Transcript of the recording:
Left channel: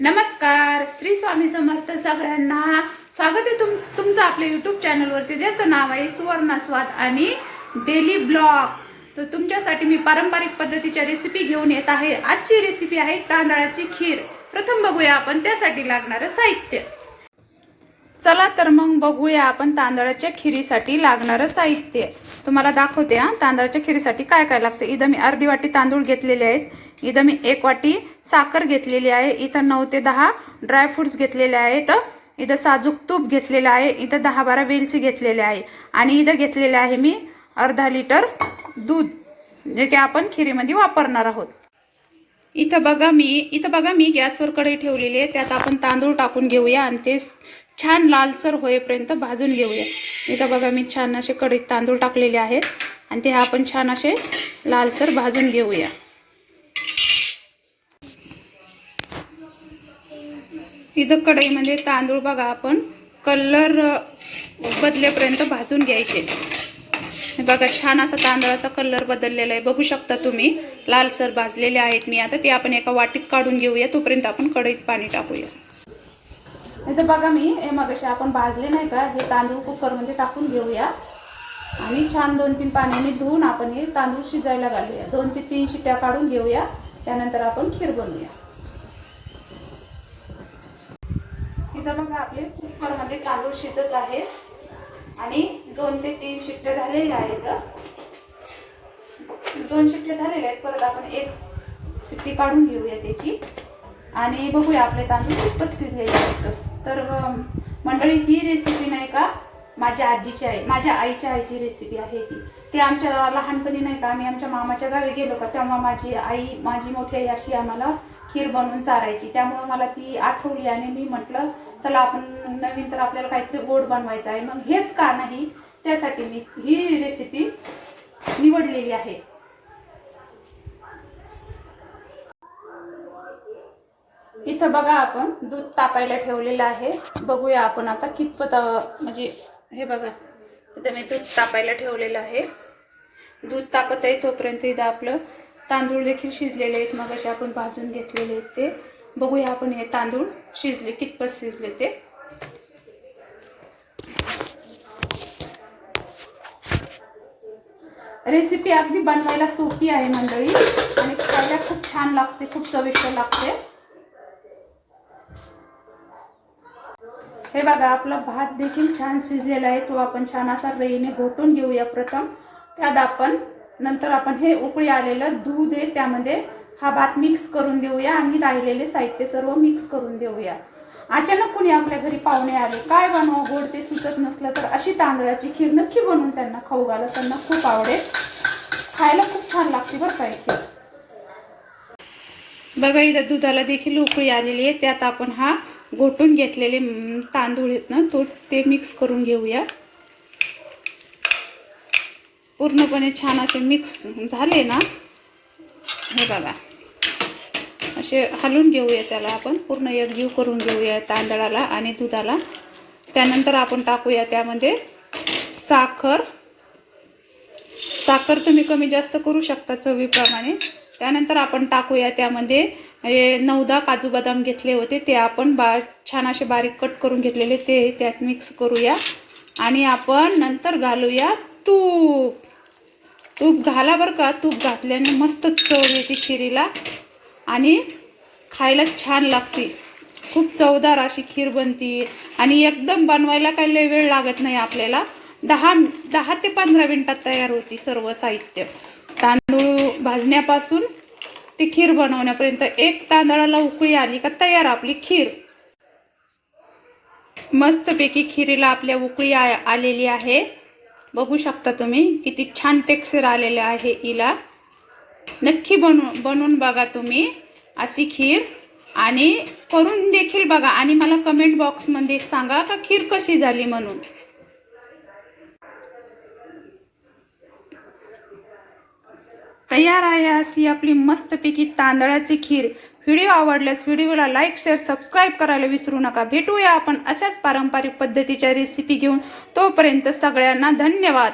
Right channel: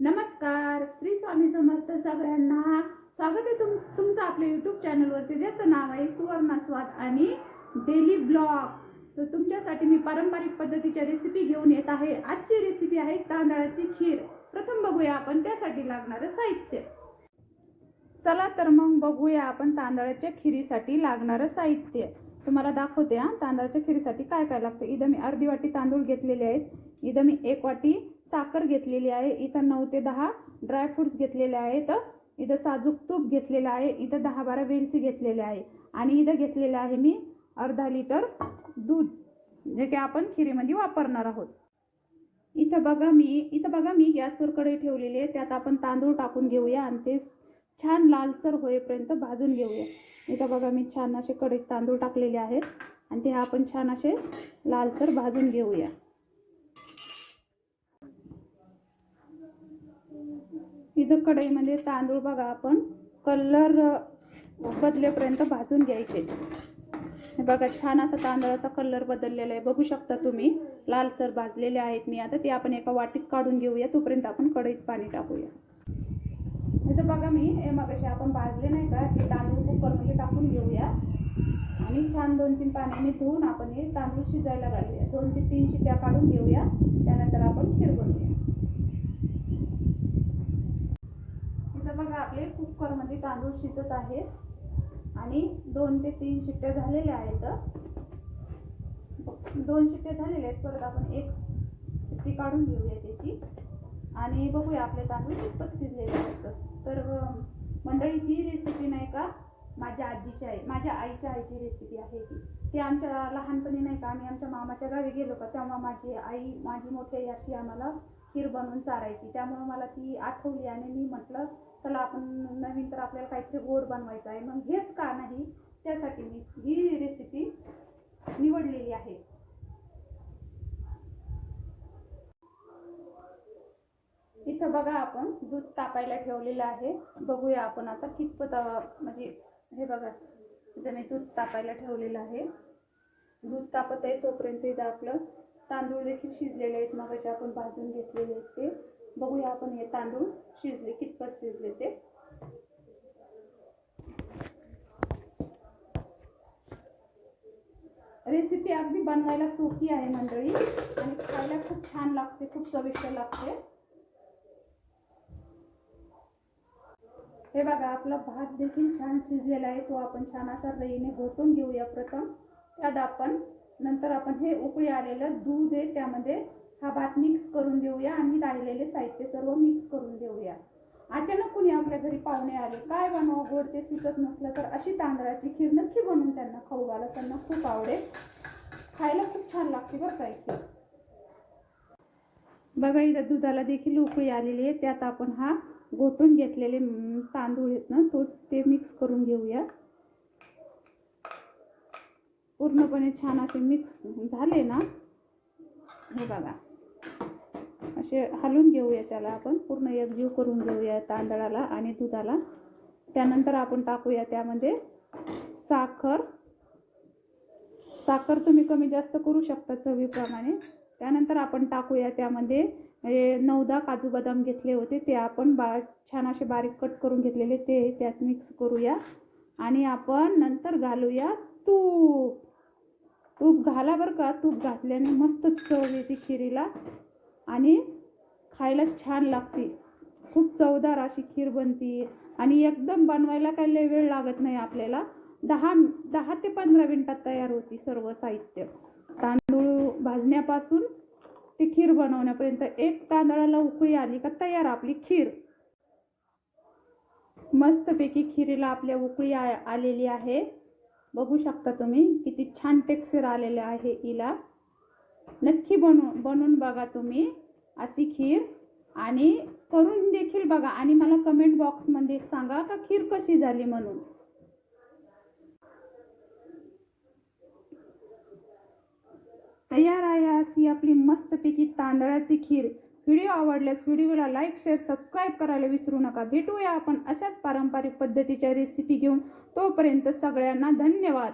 नमस्कार, श्री स्वामी समर्थ सगळ्यांना स्वागत आहे तुमचं आपल्या यूट्यूब चॅनलवरती, ज्याचं नाव आहे सुवर्णस्वाद आणि डेली ब्लॉग। तर तुमच्यासाठी मी पारंपरिक पद्धतीच्या रेसिपी घेऊन येत आहे। आजची रेसिपी आहे तांदळाची खीर। प्रथम बघूया आपण त्यासाठी लागणारे साहित्य। चला तर मग बघूया आपण तांदळाच्या खिरीसाठी लागणारे साहित्य। तुम्हाला दाखवते तांदळाच्या खिरीसाठी काय काय लागते। इथं मी अर्धी वाटी तांदूळ घेतलेले आहेत। इथं मी 1 वाटी साखर घेतलेली आहे। इथं 9 ते 10 ड्राय फ्रूट्स घेतलेले आहेत। इथं साजूक तूप घेतलेले आहे। इथं 10-12 वेलची घेतलेले आहे आणि इथं घेतलेले आहे मी अर्धा लिटर दूध, जे की आपण खिरीमध्ये वापरणार आहोत। इथं बघा मी गॅसवर कढई ठेवलेली आहे। त्यात आपण तांदूळ टाकून घेऊया आणि ते छान लालसर होईपर्यंत भाजून घेऊया। इथं बघा मी छान असे कढईत तांदूळ टाकलेले आहेत आणि ते आपण छान असे लालसर भाजून घेऊया। इथं कढईमध्ये तांदूळ बघा आपण कलर बदलेपर्यंत भाजून घ्यायचे। बघा छान असा तांदळाचा कलर बदललेला आहे, बघू शकता तुम्ही। लालसर भाजलेले आहेत मी आता ते आपण एका वाटीत काढून घेऊया। तोपर्यंत आपण कढईत पाणी टाकूया। इथं बघा मी मगाशी आपण भाजले नाही का, हे तांदूळ कुकरमध्ये टाकून घेऊया आणि छान 2-3 पाण्याने धुवून आपण हे तांदूळ शिजायला घालूया। 2 ते 3 शिट्ट्या काढून घेऊया, त्यानंतर आपण खीर बनवूया। इथं बघा आपले कुकरमध्ये तांदूळ शिजत आहे आणि 2 ते 3 शिट्ट्या झालेल्या आहेत। 2 शिट्ट्या झालेल्या आहेत, परत आपण 1 शिट्टी काढून घेऊया त्याची आणि बघूया आपले तांदूळ कितपत शिजलेले आहेत। तर मंडळी, ही रेसिपी नाही का माझ्या आईच्या आईची रेसिपी आहे ही। ते आमच्या लहानपणी नाही का आम्ही आमच्या मामाच्या गावी गेलो का, तेव्हा माझी मोठी आई अशी आम्हाला खीर बनवून चारायची। त्यामुळे मला ती आठवली आणि मी म्हटलं चला आपण नवीन तर आपल्याला काहीतरी गोड बनवायचं आहे, मग हेच का नाही, त्यासाठी मी ही रेसिपी निवडलेली आहे। इथं बघा आपण दूध तापायला ठेवलेलं आहे। बघूया आपण आता कितपत म्हणजे हे बघा इथं मी दूध तापायला ठेवलेलं आहे। दूध तापत आहे तोपर्यंत इथं आपलं तांदूळ देखील शिजलेले आहेत, मग असे आपण भाजून घेतलेले आहेत ते। बघूया आपण हे तांदूळ शिजले कितपत शिजले ते। रेसिपी अगदी बनवायला सोपी आहे मंडळी आणि खायला खूप छान लागते, खूप चविष्ट लागते। हे बघा आपला भात देखील छान शिजलेला आहे, तो आपण छान असा रईने घोटून घेऊया प्रथम। त्यात आपण नंतर आपण हे उकळी आलेलं दूध आहे त्यामध्ये हा भात मिक्स करून देऊया आणि राहिलेले साहित्य सर्व मिक्स करून देऊया। अचानक कुणी आपल्या घरी पाहुणे आले, काय बनवू गोड ते सुचत नसलं तर अशी तांदळाची खीर नक्की बनवून त्यांना खाऊ घाला, त्यांना खूप आवडेल। खायला खूप छान लागते बरं का खीर। बघा इथं दुधाला देखील उकळी आलेली आहे, त्यात आपण हा घोटून घेतलेले तांदूळ आहेत ना ते मिक्स करून घेऊया। पूर्णपणे छान असे मिक्स झाले ना, हे बघा असे हलवून घेऊया त्याला, आपण पूर्ण एकजीव करून घेऊया तांदळाला आणि दुधाला। त्यानंतर आपण टाकूया त्यामध्ये साखर तुम्ही कमी जास्त करू शकता चवीप्रमाणे। त्यानंतर आपण टाकूया त्यामध्ये 9-10 काजू बदाम घेतले होते, ते आपण छान असे बारीक कट करून घेतलेले ते त्यात मिक्स करूया आणि आपण नंतर घालूया तूप घाला बरं का। तूप घातल्याने मस्त चव येते खिरीला आणि खायला छान लागते। खूप चवदार अशी खीर बनते आणि एकदम बनवायला काही लय वेळ लागत नाही आपल्याला। 10 ते 15 मिनिटात तयार होती सर्व साहित्य। तांदूळ भाजण्यापासून ती खीर बनवण्यापर्यंत, एक तांदळाला उकळी आली का तयार आपली खीर। मस्तपैकी खिरीला आपल्या उकळी आलेली आहे, बघू शकता तुम्ही किती छान टेक्स्चर आलेले आहे हिला। नक्की बनवून बघा तुम्ही अशी खीर आणि करून देखील बघा आणि मला कमेंट बॉक्समध्ये सांगा का खीर कशी झाली म्हणून। तयार आहे अशी आपली मस्तपैकी तांदळाची खीर। व्हिडिओ आवडल्यास व्हिडिओला लाईक, शेअर, सबस्क्राईब करायला विसरू नका। भेटूया आपण अशाच पारंपरिक पद्धतीच्या रेसिपी घेऊन, तोपर्यंत सगळ्यांना धन्यवाद।